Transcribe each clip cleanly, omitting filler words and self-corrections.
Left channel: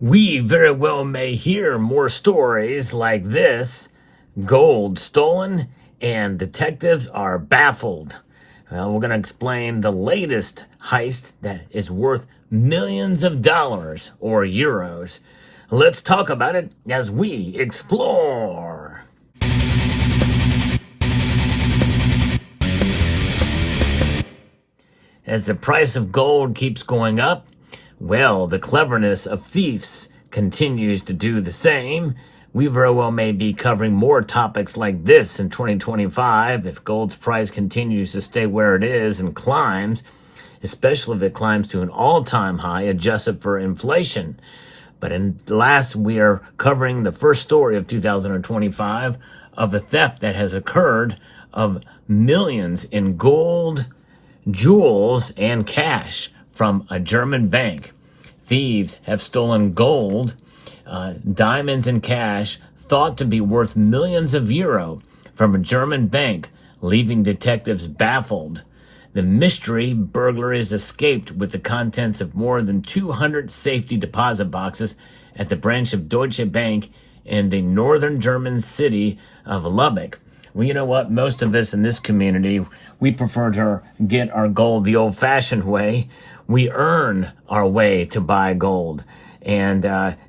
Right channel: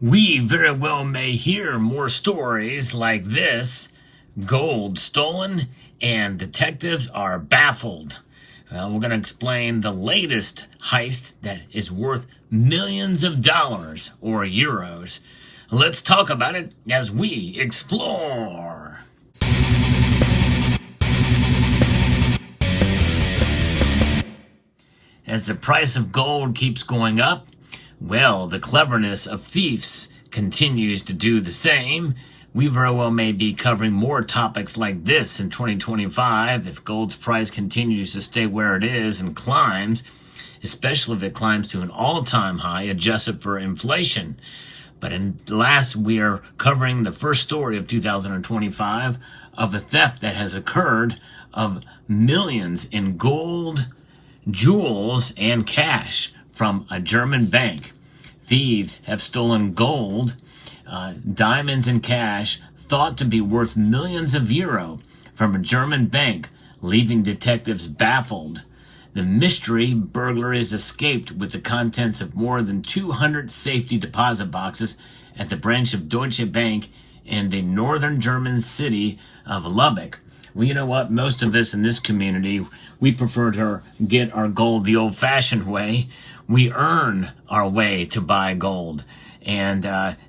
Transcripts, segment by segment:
We very well may hear more stories like this: gold stolen and detectives are baffled. Well, we're going to explain the latest heist that is worth millions of dollars or euros. Let's talk about it as we explore. As the price of gold keeps going up, well, the cleverness of thieves continues to do the same. We very well may be covering more topics like this in 2025 if gold's price continues to stay where it is and climbs, especially if it climbs to an all-time high adjusted for inflation. But last, we are covering the first story of 2025 of a theft that has occurred of millions in gold, jewels, and cash from a German bank. Thieves have stolen gold, diamonds, and cash thought to be worth millions of euro from a German bank, leaving detectives baffled. The mystery burglaries escaped with the contents of more than 200 safety deposit boxes at the branch of Deutsche Bank in the northern German city of Lubbock. Well, you know what? Most of us in this community, we prefer to get our gold the old-fashioned way. We earn our way to buy gold, and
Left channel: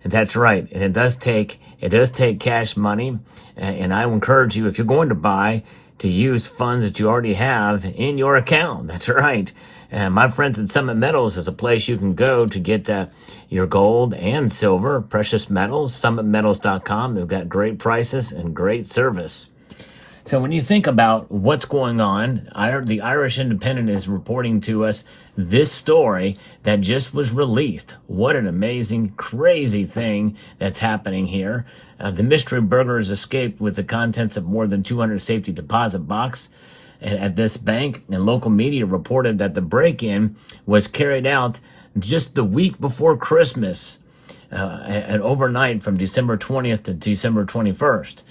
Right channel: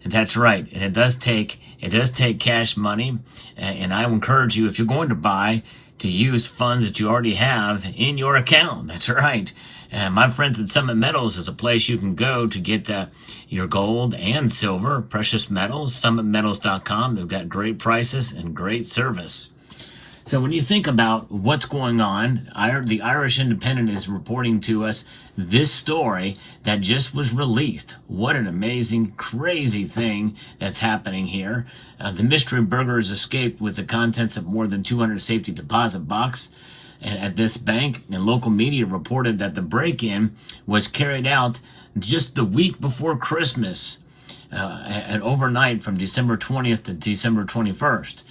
that's right. And it does take cash money. And I encourage you, if you're going to buy, to use funds that you already have in your account. That's right. And my friends at Summit Metals is a place you can go to get your gold and silver, precious metals. SummitMetals.com. They've got great prices and great service. So when you think about what's going on, the Irish Independent is reporting to us this story that just was released. What an amazing, crazy thing that's happening here. The mystery burglars escaped with the contents of more than 200 safety deposit box at this bank, and local media reported that the break-in was carried out just the week before Christmas, and overnight from December 20th to December 21st.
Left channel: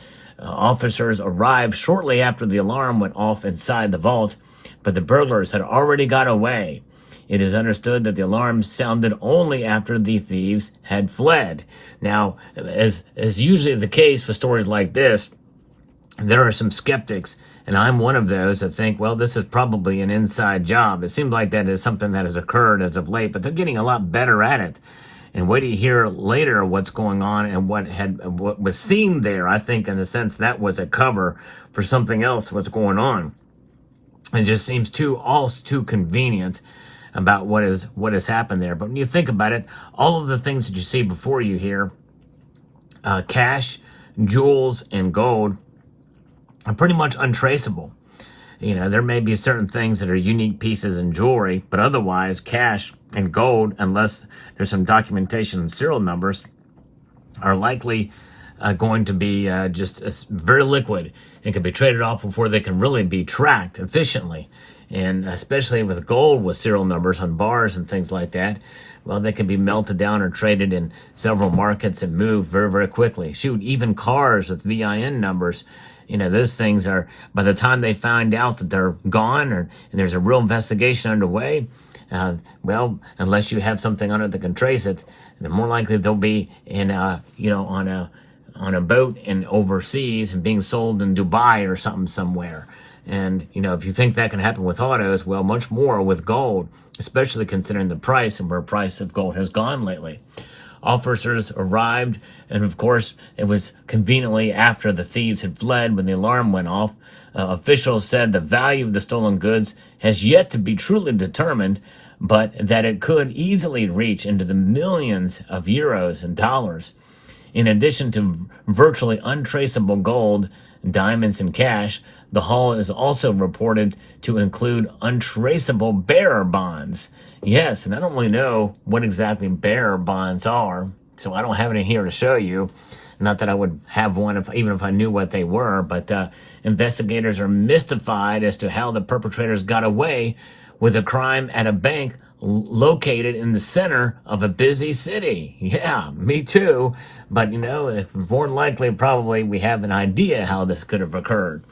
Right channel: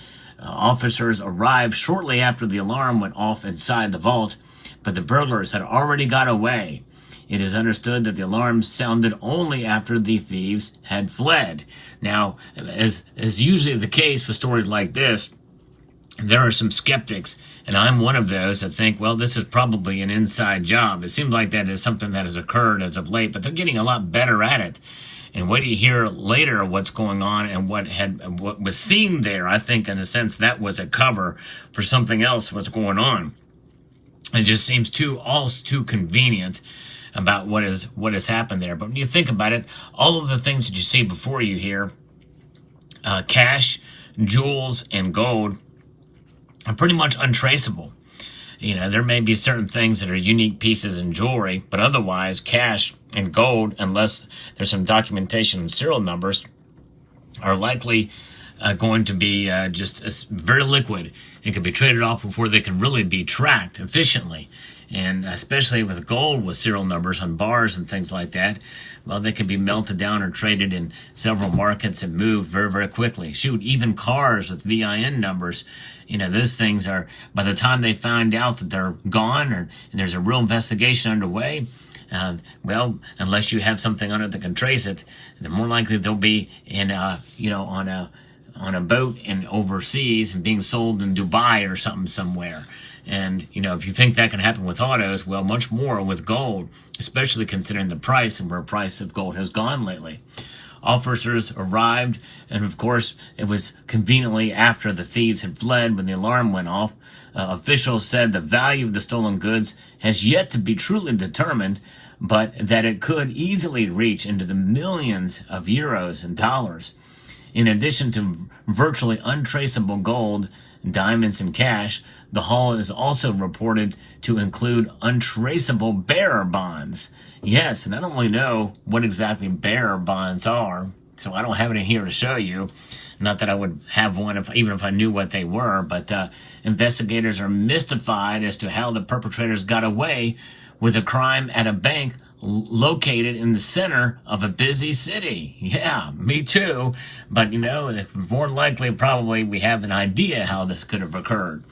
Officers arrived shortly after the alarm went off inside the vault, but the burglars had already got away. It is understood that the alarm sounded only after the thieves had fled. Now, as usually the case with stories like this, there are some skeptics, and I'm one of those that think, well, this is probably an inside job. It seems like that is something that has occurred as of late, but they're getting a lot better at it. And wait till you hear later what's going on and what was seen there. I think, in a sense, that was a cover for something else. What's going on? It just seems too convenient about what has happened there. But when you think about it, all of the things that you see before you here, cash, jewels, and gold, are pretty much untraceable. You know, there may be certain things that are unique pieces in jewelry, but otherwise, cash and gold, unless there's some documentation and serial numbers, are likely going to be just very liquid and can be traded off before they can really be tracked efficiently. And especially with gold with serial numbers on bars and things like that, well, they can be melted down or traded in several markets and moved very, very quickly. Shoot, even cars with VIN numbers, you know, those things are, by the time they find out that they're gone and there's a real investigation underway, well, unless you have something on it that can trace it, then more likely they'll be in, on a boat in overseas and being sold in Dubai or something somewhere. And, you know, if you think that can happen with autos, well, much more with gold, especially considering the price and where price of gold has gone lately. Officers arrived, and of course, it was conveniently after the thieves had fled when the alarm went off. Officials said the value of the stolen goods has yet to be truly determined, but that it could easily reach into the millions of euros and dollars. In addition to virtually untraceable gold, diamonds, and cash, the haul is also reported to include untraceable bearer bonds. Yes, and I don't really know what exactly bearer bonds are, so I don't have any here to show you. Not that I would have one even if I knew what they were, but investigators are mystified as to how the perpetrators got away with a crime at a bank located in the center of a busy city. Yeah, me too. But, you know, more than likely, probably we have an idea how this could have occurred.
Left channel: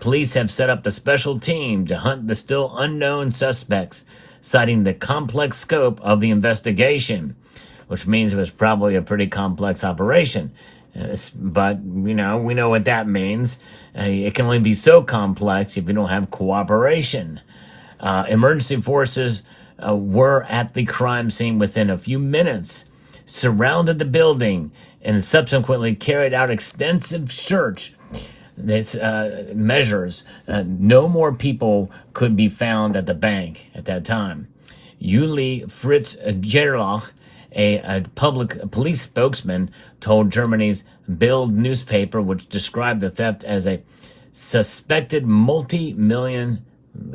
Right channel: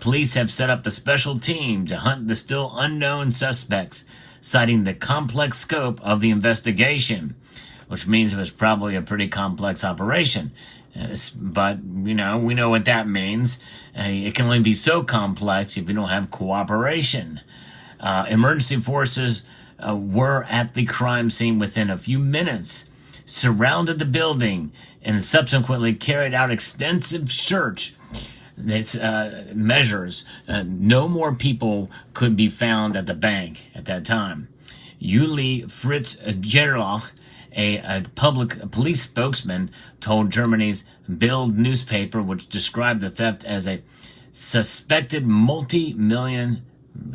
Police have set up a special team to hunt the still unknown suspects, citing the complex scope of the investigation. which means it was probably a pretty complex operation. But, we know what that means. It can only be so complex if you don't have cooperation. Emergency forces were at the crime scene within a few minutes, surrounded the building, and subsequently carried out extensive search measures. No more people could be found at the bank at that time. Uli Fritz Gerlach, a police spokesman, told Germany's Bild newspaper, which described the theft as a suspected multi-million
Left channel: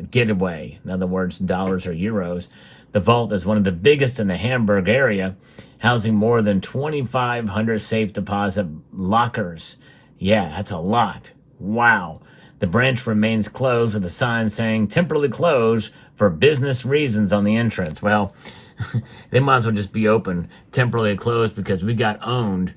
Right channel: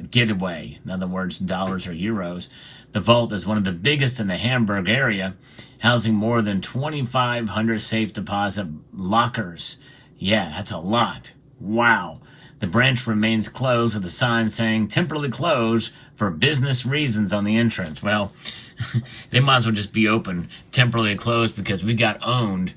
getaway. In other words, dollars or euros. The vault is one of the biggest in the Hamburg area, housing more than 2,500 safe deposit lockers. Yeah, that's a lot. Wow. The branch remains closed with a sign saying temporarily closed for business reasons on the entrance. Well, they might as well just be open, temporarily closed, because we got owned,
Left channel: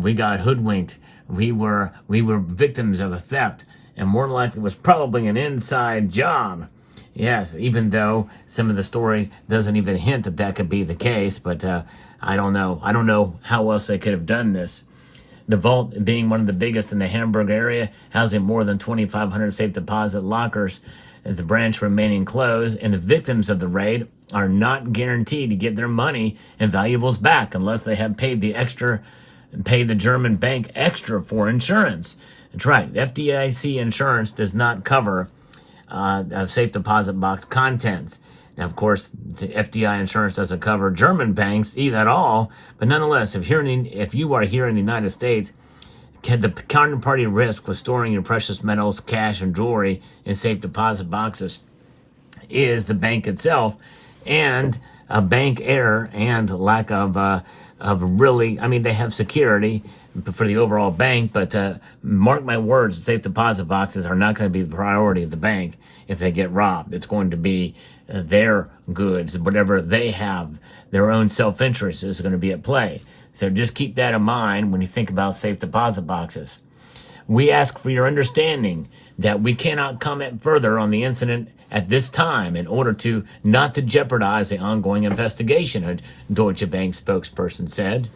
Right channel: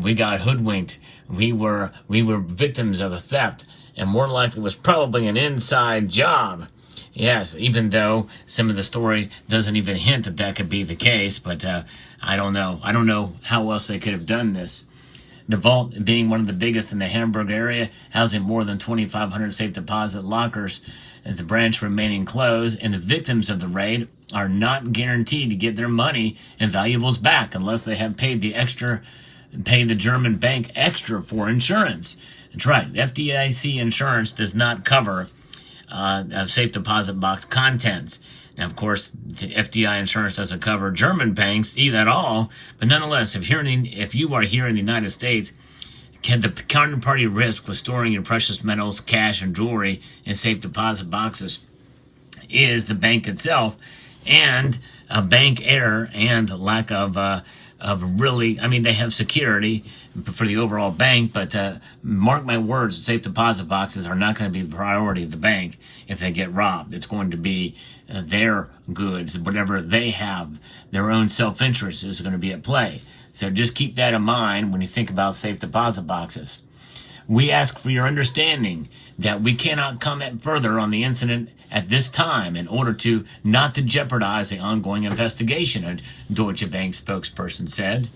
we got hoodwinked, we were victims of a theft, and more likely it was probably an inside job. Yes, even though some of the story doesn't even hint that that could be the case, but I don't know. I don't know how else they could have done this. The vault, being one of the biggest in the Hamburg area, housing more than 2,500 safe deposit lockers, the branch remaining closed, and the victims of the raid are not guaranteed to get their money and valuables back unless they have paid the German bank extra for insurance. That's right. FDIC insurance does not cover safe deposit box contents. Now, of course, the FDI insurance doesn't cover German banks either at all. But nonetheless, if you are here in the United States, the counterparty risk with storing your precious metals, cash, and jewelry in safe deposit boxes is the bank itself, and a bank error and lack of really, they have security for the overall bank, but mark my words, safe deposit boxes are not going to be the priority of the bank if they get robbed. It's going to be their goods, whatever they have, their own self-interest is going to be at play. So just keep that in mind when you think about safe deposit boxes. We ask for your understanding that we cannot comment further on the incident at this time in order to not to jeopardize the ongoing investigation, a Deutsche Bank spokesperson said.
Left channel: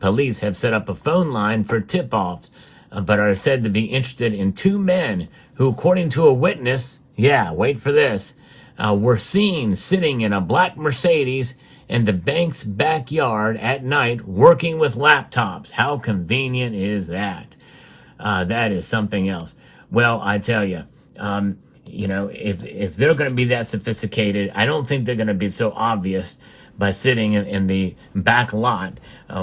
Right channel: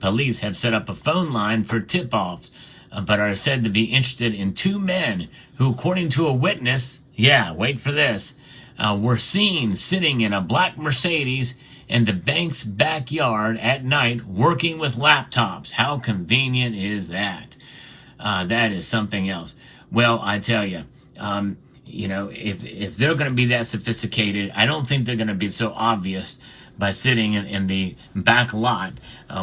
Police have set up a phone line for tip-offs, but are said to be interested in two men who, according to a witness, wait for this, were seen sitting in a black Mercedes in the bank's backyard at night working with laptops. How convenient is that? That is something else. Well, I tell you, if they're going to be that sophisticated, I don't think they're going to be so obvious by sitting in the back lot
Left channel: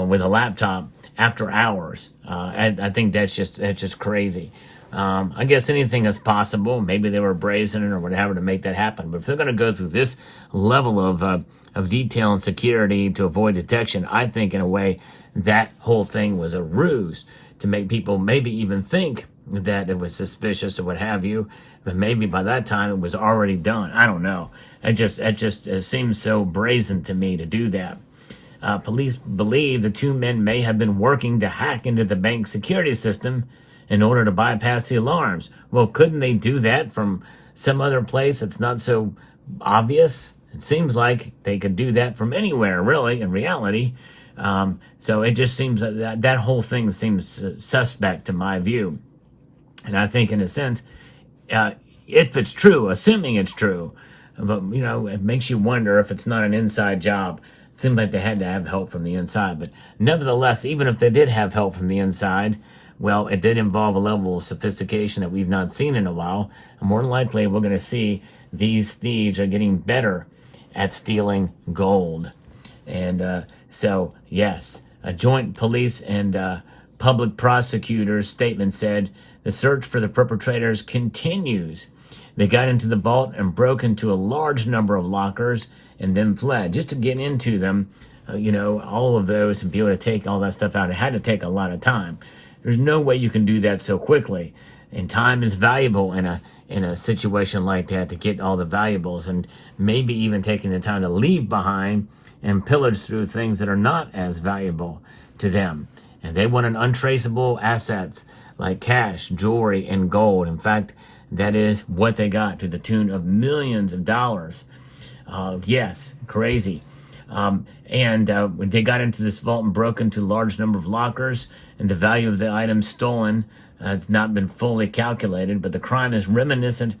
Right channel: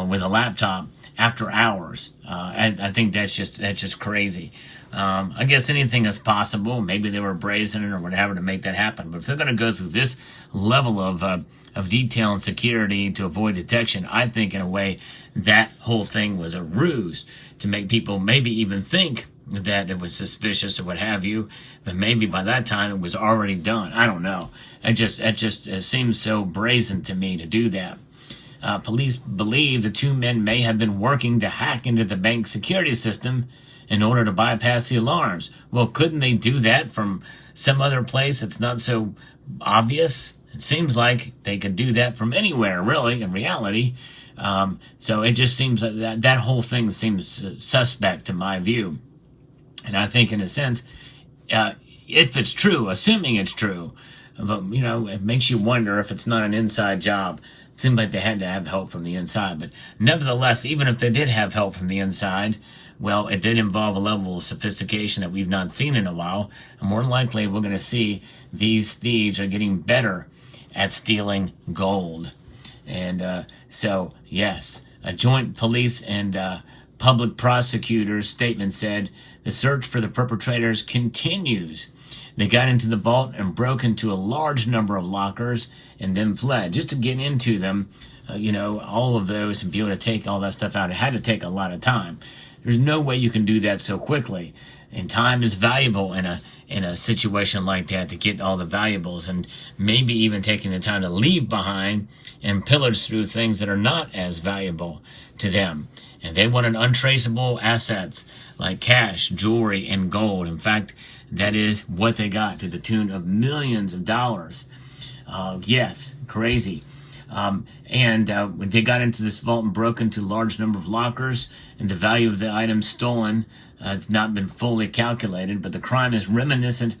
with a laptop after hours. I think that's just crazy. I guess anything is possible. Maybe they were brazen or whatever to make that happen. But if they're going to go through this level of detail and security to avoid detection, I think in a way that whole thing was a ruse to make people maybe even think that it was suspicious or what have you. But maybe by that time it was already done. I don't know. It just seems so brazen to me to do that. Police believe the two men may have been working to hack into the bank security system in order to bypass the alarms. Well, couldn't they do that from some other place that's not so obvious? It seems like they could do that from anywhere, really, in reality. So it just seems that whole thing seems suspect to my view. And I think, in a sense, if it's true, assuming it's true, but, it makes you wonder if it's not an inside job. It seemed like they had to have help from the inside. But nevertheless, even if they did have help from the inside, well, it did involve a level of sophistication that we've not seen in a while. And more than likely, we're going to see these thieves are getting better at stealing gold. And so, yes, a joint police and public prosecutor's statement said the search for the perpetrators continues. They got into the vault and broke into a large number of lockers and then fled. Just to get into them, all of those and be able to take all that stuff out, it had to take a lot of time. There's no way you can do that so quickly. And time is valuable in a situation like that to get all the valuables, and maybe even taking the time to leave behind and pillage through things that are not as valuable to them. And they wanted untraceable assets like cash, jewelry, and gold. In fact, that is what they got, to the tune of millions of dollars. Yes, crazy. When they got into this vault and broke into a large number of lockers, and the value of the items stolen has not been fully calculated, but the crime is reminiscent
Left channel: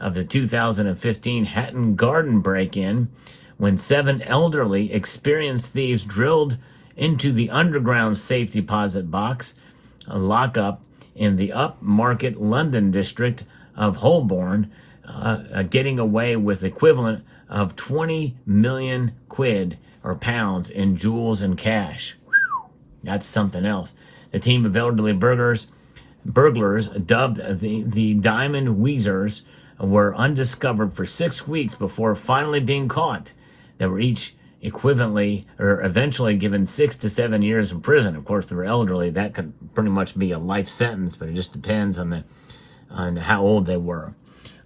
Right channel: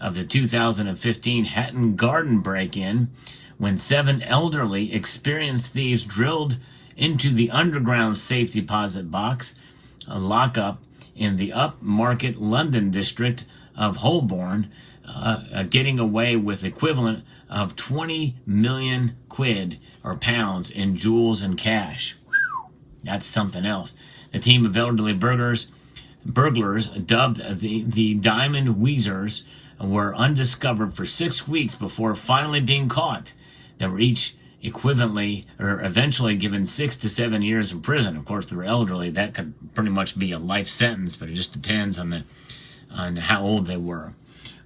of the 2015 Hatton Garden break-in, when 7 elderly, experienced thieves drilled into the underground safe deposit box, a lockup in the upmarket London district of Holborn, getting away with equivalent of 20 million quid or pounds in jewels and cash. That's something else. The team of elderly burglars, dubbed the Diamond Weezers, were undiscovered for 6 weeks before finally being caught. They were each eventually given 6 to 7 years in prison. Of course, they were elderly. That could pretty much be a life sentence, but it just depends on how old they were.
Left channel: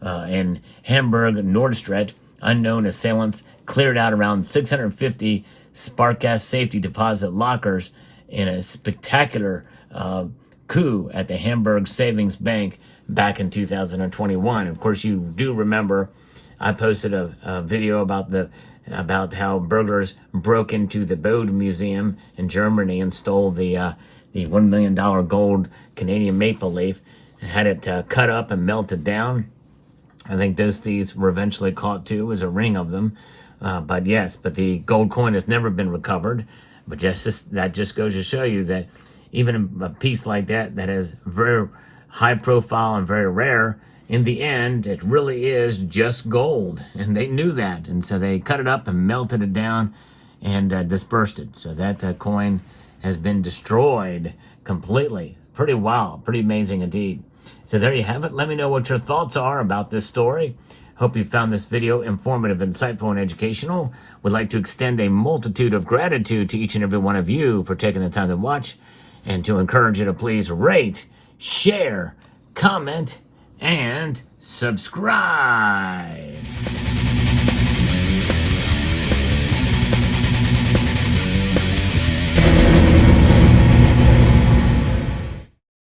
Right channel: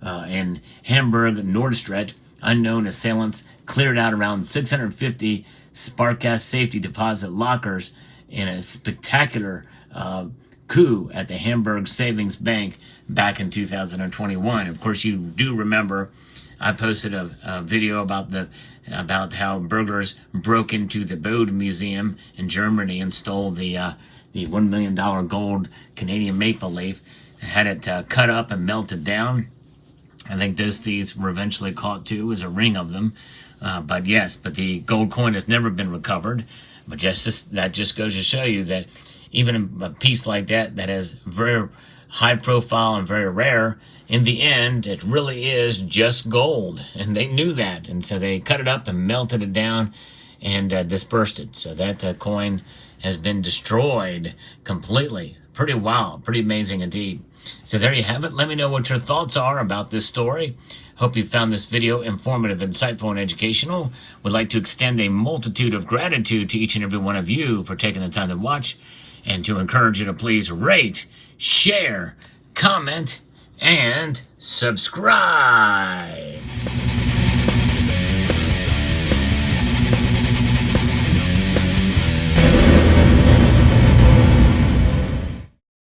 In Hamburg, Nordstret, unknown assailants cleared out around 650 spark gas safety deposit lockers in a spectacular coup at the Hamburg Savings Bank back in 2021. Of course, you do remember I posted a video about how burglars broke into the Bode Museum in Germany and stole the $1 million gold Canadian maple leaf, had it cut up and melted down. I think those thieves were eventually caught too. It was a ring of them. But the gold coin has never been recovered. But that just goes to show you that even a piece like that has very high profile and very rare, in the end, it really is just gold. And they knew that. And so they cut it up and melted it down and dispersed it. So that coin has been destroyed completely. Pretty wild. Pretty amazing indeed. So there you have it. Let me know what your thoughts are about this story. Hope you found this video informative, insightful, and educational. Would like to extend a multitude of gratitude to each and every one of you for taking the time to watch, and to encourage you to please rate, share, comment, and subscribe.